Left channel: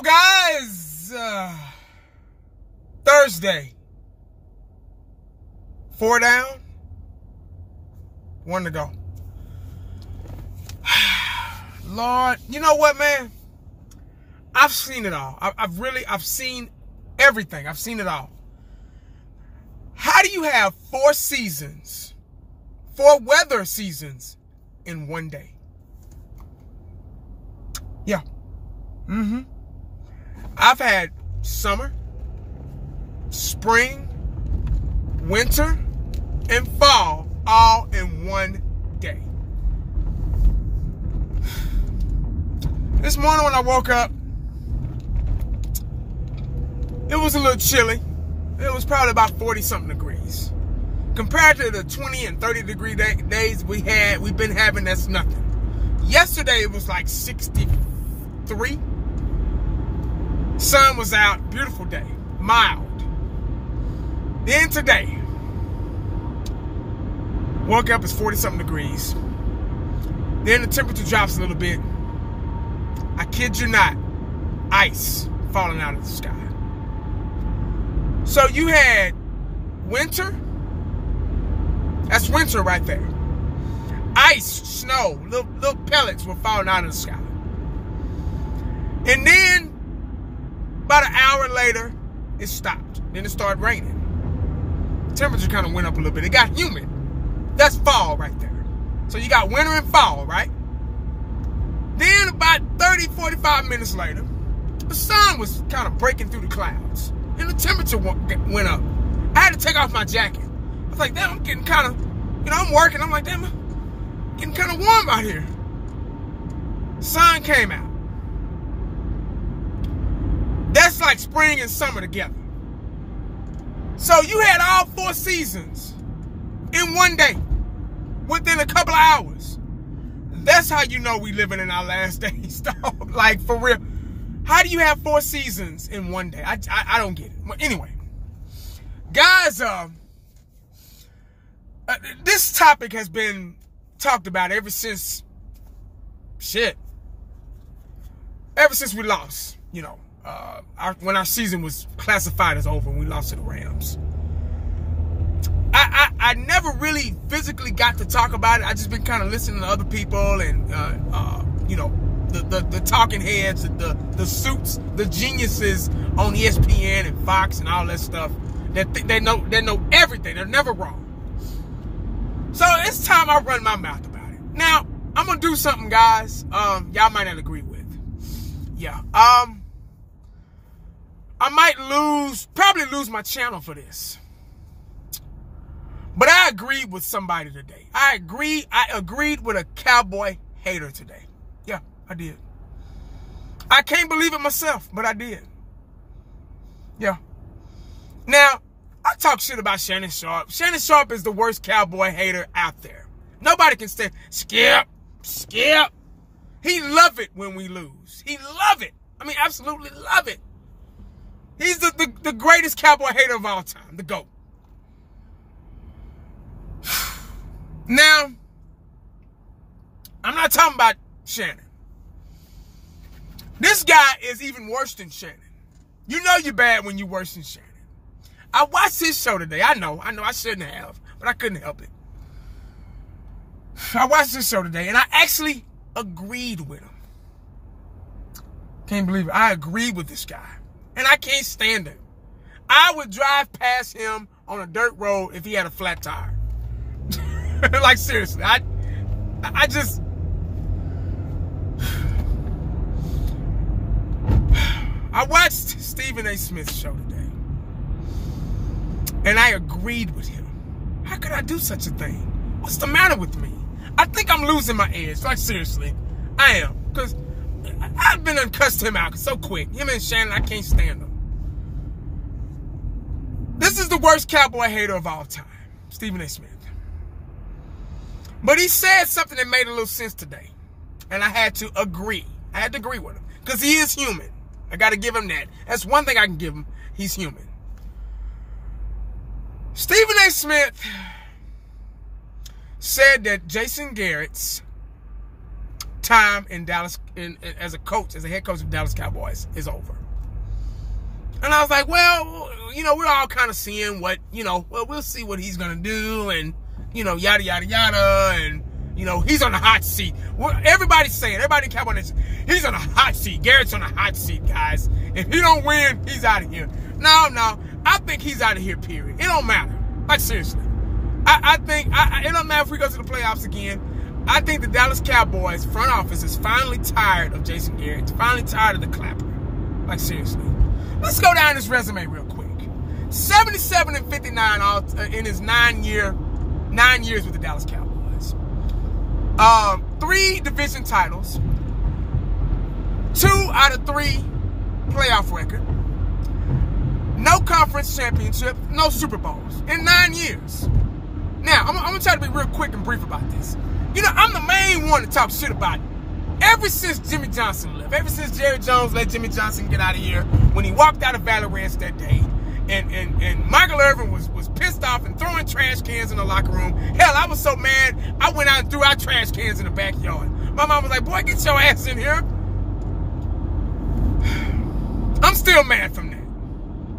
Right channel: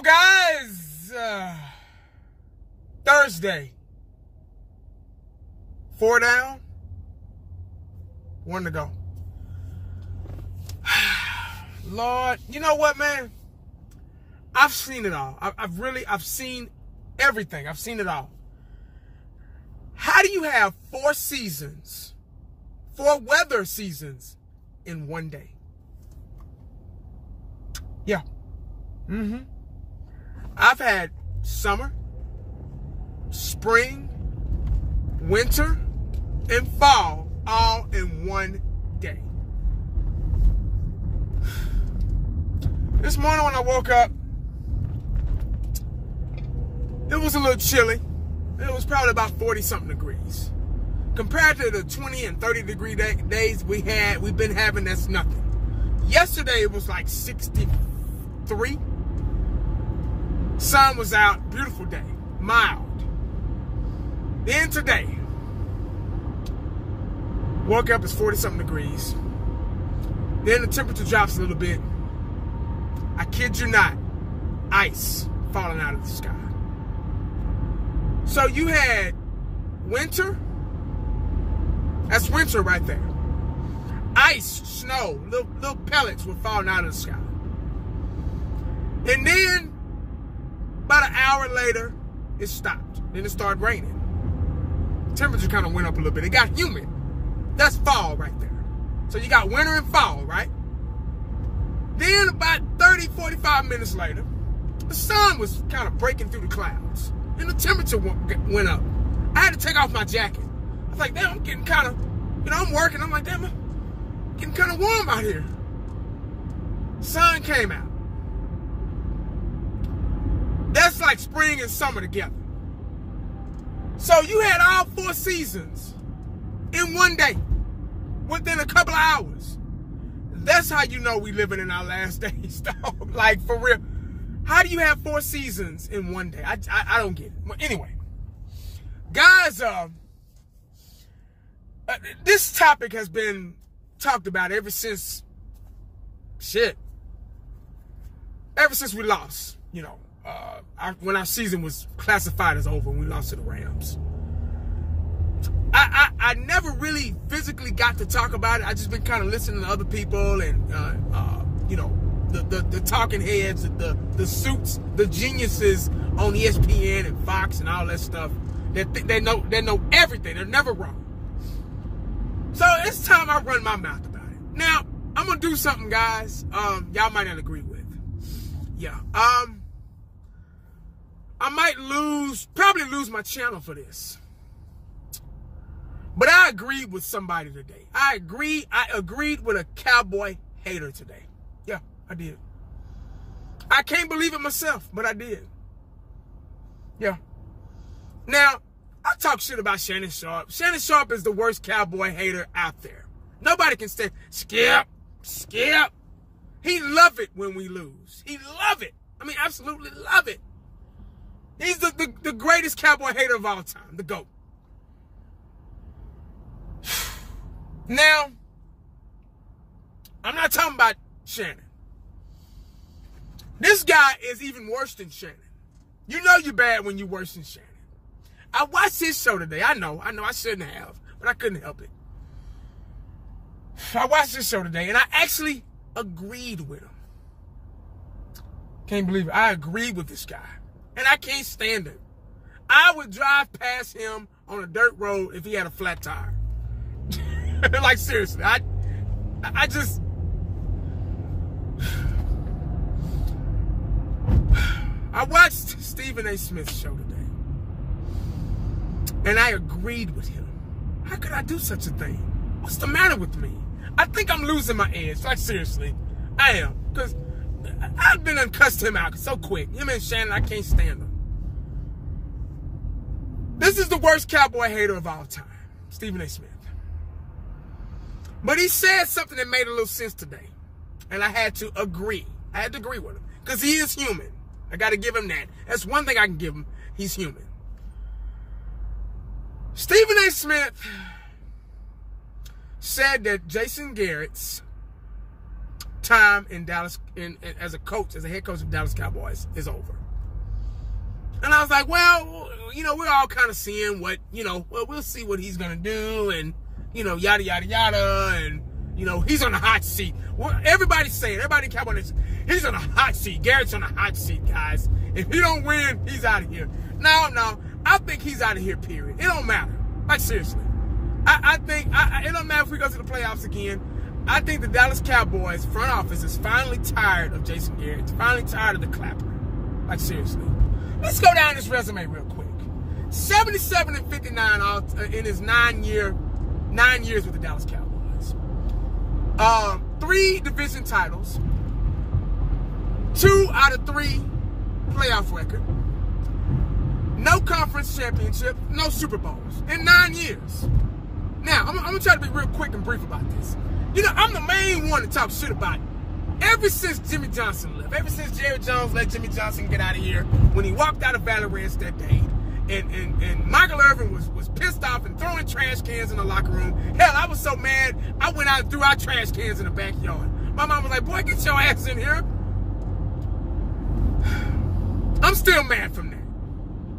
go, guys. Thursday. 4 down. 1 to go. Lord, you know what, man? I've seen it all. I've seen everything. I've seen it all. How do you have 4 seasons, 4 weather seasons in one day? Yeah. I've had summer, spring, winter, and fall all in one day. This morning when I woke up, it was a little chilly. It was probably about 40-something degrees. Compared to the 20 and 30 degree days we've been having, that's nothing. Yesterday it was like 63. Sun was out, beautiful day, mild. Then today, woke up, it's 40-something degrees. Then the temperature drops a little bit. I kid you not, ice falling out of the sky. So you had winter. That's winter right there. Ice, snow, little pellets were falling out of the sky. And then, about an hour later, it stopped. Then it started raining. Temperature kind of went up a little bit. It got humid. That's fall right there. So you got winter and fall, right? Then about 30, 45 minutes later, the sun was kind of breaking through the clouds. And the temperature went up. I had to take off my jacket. I was like, damn, I'm getting kind of, I'm working. I'm like, damn, I'm getting kind of warm out here. Sun came out. That's like spring and summer together. So you had all 4 seasons in one day, within a couple of hours. That's how you know we living in our last days, dog. Like, for real. How do you have 4 seasons in one day? I don't get it. Well, anyway, guys, this topic has been talked about ever since, ever since we lost, when our season was classified as over and we lost to the Rams. I never really physically got to talk about it. I just been kind of listening to other people and, the talking heads, the suits, the geniuses on ESPN and Fox and all that stuff that they know everything. They're never wrong. So it's time I run my mouth about it. Now, I'm going to do something, guys, y'all might not agree with. Yeah. I might probably lose my channel for this. But I agreed with somebody today. I agreed with a Cowboy hater today. Yeah, I did. I can't believe it myself, but I did. Yeah. Now, I talk shit about Shannon Sharpe. Shannon Sharpe is the worst Cowboy hater out there. Nobody can say, Skip. He love it when we lose. He love it. I mean, absolutely love it. He's the greatest Cowboy hater of all time, the GOAT. Now, I'm not talking about Shannon. This guy is even worse than Shannon. You know you're bad when you're worse than Shannon. I watched his show today. I know I shouldn't have, but I couldn't help it. I watched his show today, and I actually agreed with him. Can't believe it. I agreed with this guy, and I can't stand him. I would drive past him on a dirt road if he had a flat tire. Like, seriously, I just... I watched Stephen A. Smith's show today, and I agreed with him. How could I do such a thing? What's the matter with me? I think I'm losing my edge. Like, seriously, I am. Because I've been uncussed him out so quick. Him and Shannon, I can't stand them. This is the worst Cowboy hater of all time, Stephen A. Smith. But he said something that made a little sense today. And I had to agree. I had to agree with him. Because he is human. I got to give him that. That's one thing I can give him. He's human. Stephen A. Smith said that Jason Garrett's time in Dallas as a coach, as a head coach of the Dallas Cowboys is over. And I was like, well, you know, we're all kind of seeing what, you know, well, we'll see what he's going to do and, you know, yada, yada, yada. And, you know, he's on the hot seat. Everybody's saying, everybody in Cowboys, he's on the hot seat. Garrett's on the hot seat, guys. If he don't win, he's out of here. No, I think he's out of here, period. It don't matter. Like, seriously. I think, it don't matter if we go to the playoffs again. I think the Dallas Cowboys front office is finally tired of Jason Garrett. It's finally tired of the clapper. Like, seriously. Let's go down this resume real quick. 77-59 in his 9 years with the Dallas Cowboys. 3 division titles. 2 out of 3 playoff record. No conference championship. No Super Bowls in 9 years. Now, I'm going to try to be real quick and brief about this. You know, I'm the main one to talk shit about it. Ever since Jimmy Johnson left, ever since Jerry Jones let Jimmy Johnson get out of here, when he walked out of Valley Ranch that day, and Michael Irvin was pissed off and throwing trash cans in the locker room. Hell, I was so mad, I went out and threw out trash cans in the backyard. My mom was like, boy, get your ass in here. I'm still mad from that.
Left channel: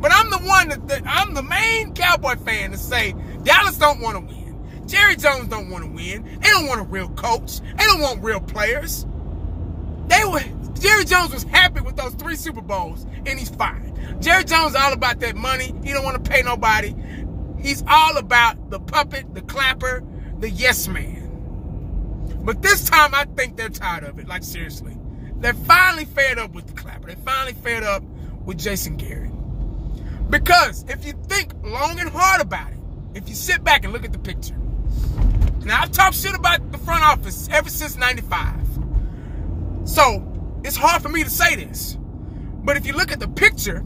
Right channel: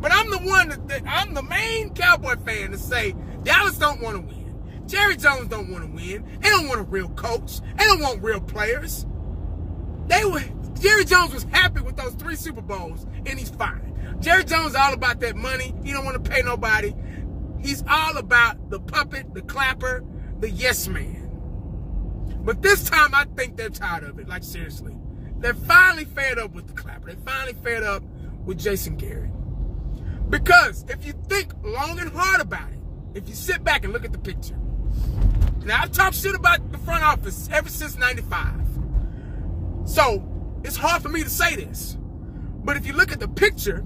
But I'm the one I'm the main Cowboy fan to say, Dallas don't want to win. Jerry Jones don't want to win. They don't want a real coach. They don't want real players. Jerry Jones was happy with those 3 Super Bowls, and he's fine. Jerry Jones is all about that money. He don't want to pay nobody. He's all about the puppet, the clapper, the yes man. But this time, I think they're tired of it. Like, seriously. They're finally fed up with the clapper. They're finally fed up with Jason Garrett. Because if you think long and hard about it, if you sit back and look at the picture. Now, I've talked shit about the front office ever since '95. So, it's hard for me to say this. But if you look at the picture,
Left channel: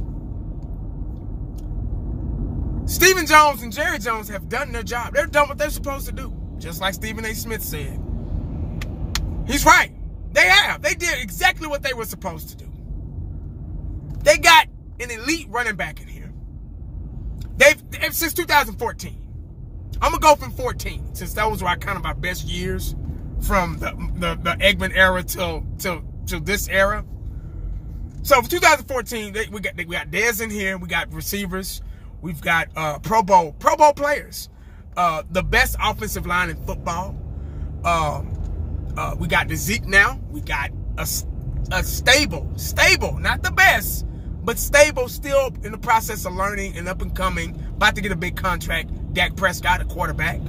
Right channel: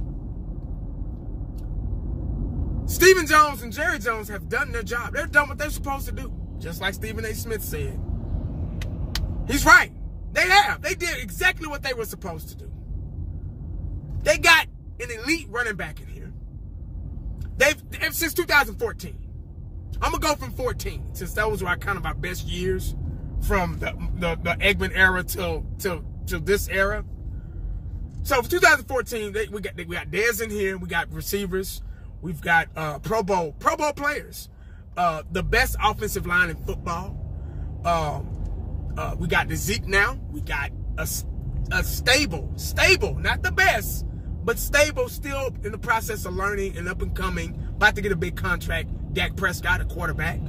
Stephen Jones and Jerry Jones have done their job. They've done what they're supposed to do. Just like Stephen A. Smith said. He's right. They have. They did exactly what they were supposed to do. They got an elite running back in here. They've since 2014. I'm going to go from 14, since those were kind of our best years from the Eggman era till this era. So for 2014, we got Dez in here. We got receivers. We've got Pro Bowl players. The best offensive line in football. We got the Zeke now. We got a stable, not the best, but stable, still in the process of learning and up and coming, about to get a big contract. Dak Prescott, a quarterback.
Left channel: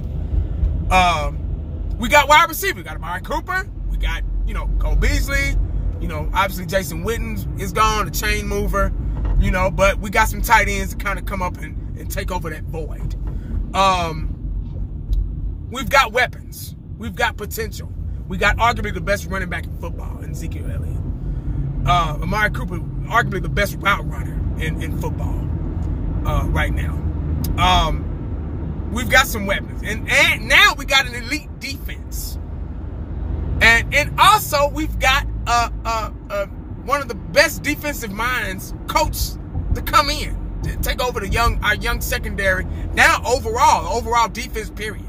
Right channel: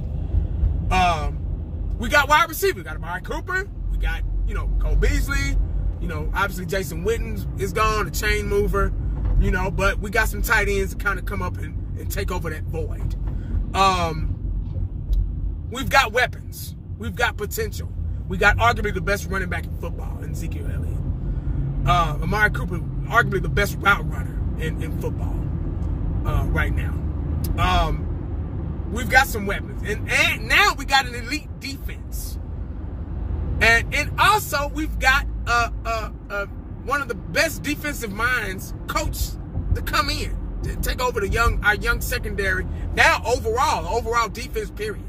We got wide receiver. We got Amari Cooper. We got, you know, Cole Beasley. You know, obviously Jason Witten is gone, the chain mover. You know, but we got some tight ends to kind of come up and take over that void. We've got weapons. We've got potential. We got arguably the best running back in football in Ezekiel Elliott. Amari Cooper, arguably the best route runner in football right now. We've got some weapons. And now we got an elite defense. And also we've got one of the best defensive minds coach to come in to take over our young secondary. Now overall defense period.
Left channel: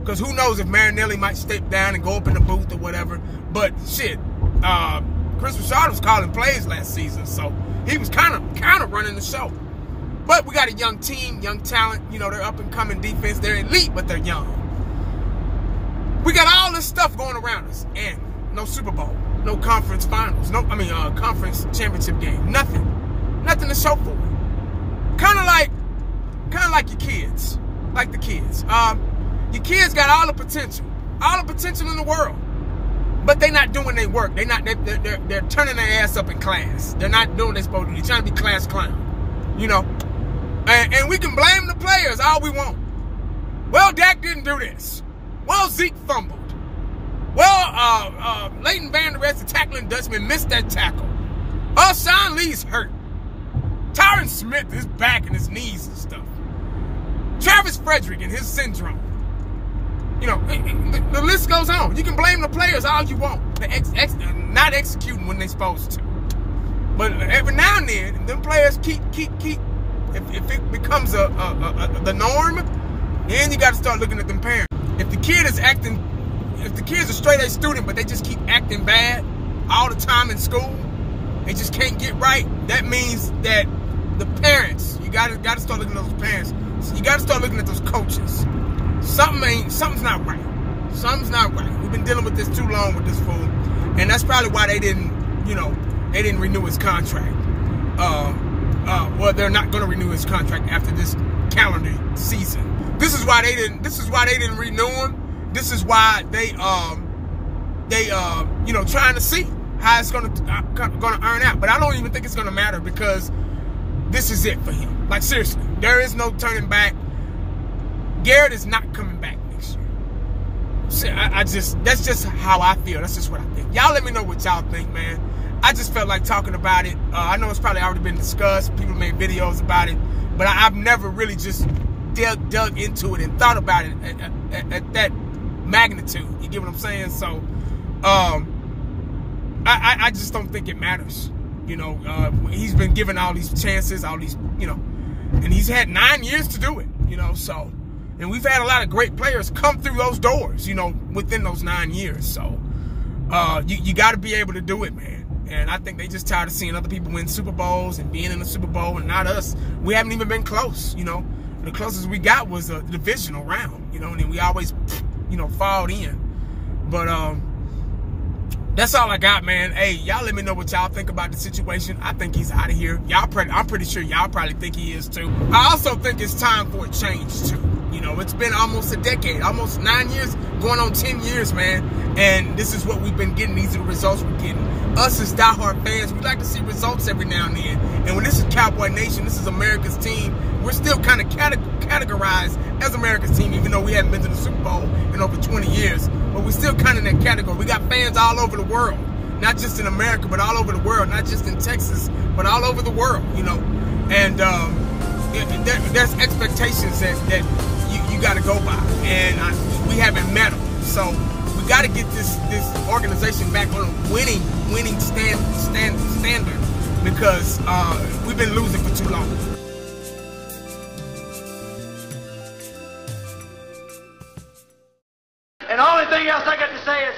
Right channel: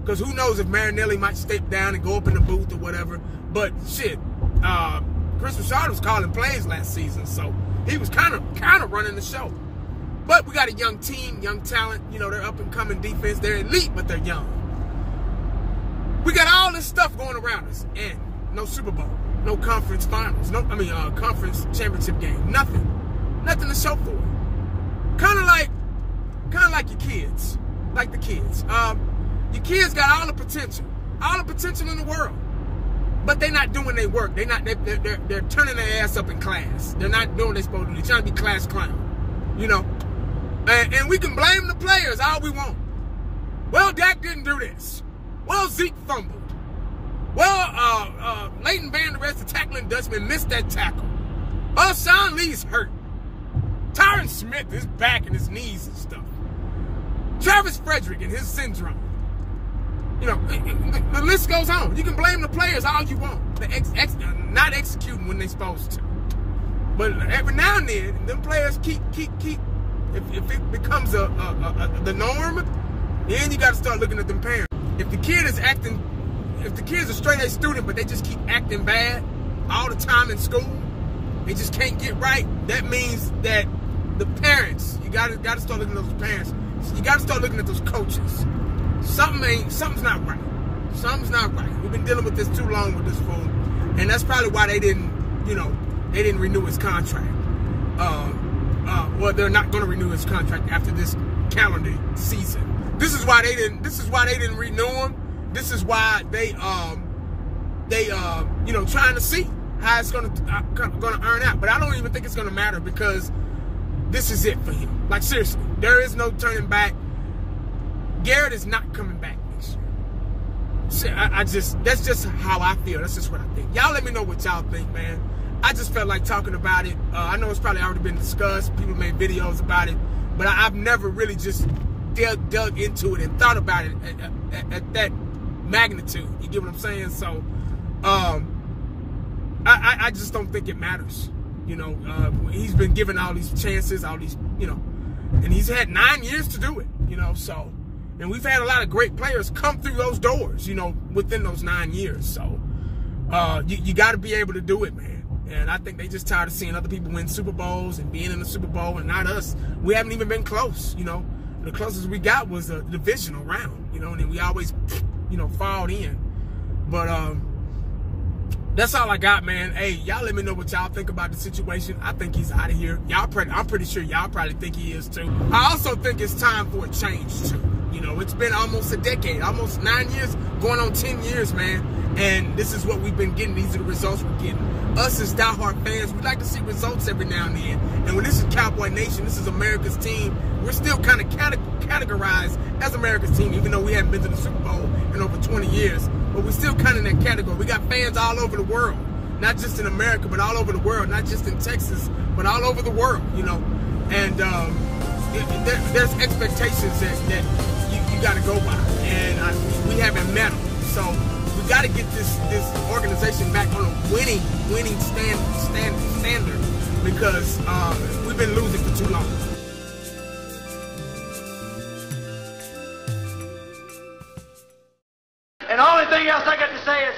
Because who knows if Marinelli might step down and go up in the booth or whatever. But shit, Chris Richard was calling plays last season, so he was kind of running the show. But we got a young team, young talent. You know, they're up and coming defense. They're elite, but they're young. We got all this stuff going around us, and no Super Bowl, no conference finals, conference championship game, nothing to show for it. Kind of like your kids, like the kids. Your kids got all the potential in the world, but they're not doing their work. They're turning their ass up in class. They're not doing what they're supposed to do. They're trying to be class clown, you know. And we can blame the players all we want. Well, Dak didn't do this. Well, Zeke fumbled. Well, Leighton Vander Esch, the tackling Dutchman, missed that tackle. Oh, Sean Lee's hurt. Tyron Smith, his back and his knees and stuff. Travis Frederick and his syndrome. You know, the list goes on. You can blame the players all you want. They're not executing when they're supposed to. But every now and then, them players keep. If it becomes the norm, then you got to start looking at them parents. If the kid is acting if the kid's a straight A student, but they just keep acting bad all the time in school, they just can't get right, that means that the parents, you gotta start looking at those parents. You gotta start looking at those coaches. Something's not right. Something's not right. We've been dealing with this too long with this fool, and that's probably why they didn't renew his contract. Well, they're not going to renew his contract after this calendar season. This is why they didn't renew him. This is why they trying to see how it's going to earn out. But I don't even think it's going to matter, because this is it for him. Like, seriously, there is no turning back. Garrett is not coming back next year. That's just how I feel. That's just what I think. Y'all let me know what y'all think, man. I just felt like talking about it. I know it's probably already been discussed. People made videos about it. But I've never really just dug into it and thought about it at that magnitude. You get what I'm saying? So, I just don't think it matters. He's been given all these chances, and he's had 9 years to do it, so. And we've had a lot of great players come through those doors, within those 9 years. So, you got to be able to do it, man. And I think they just tired of seeing other people win Super Bowls and being in the Super Bowl, and not us. We haven't even been close, The closest we got was a divisional round, and then we always, fouled in. But that's all I got, man. Hey, y'all let me know what y'all think about the situation. I think he's out of here. I'm pretty sure y'all probably think he is too. I also think it's time for a change too. It's been almost a decade, almost 9 years, going on 10 years, man. And this is what we've been getting. These are the results we're getting. Us as diehard fans, we like to see results every now and then. And when this is Cowboy Nation, this is America's team, we're still kind of categorized as America's team, even though we haven't been to the Super Bowl in over 20 years. But we're still kind of in that category. We got fans all over the world, not just in America, but all over the world, not just in Texas, but all over the world, And there's expectations that you got to go by, and we haven't met them. So we got to get this organization back on a winning standard, because we've been losing for too long. And the only thing else I got to say is,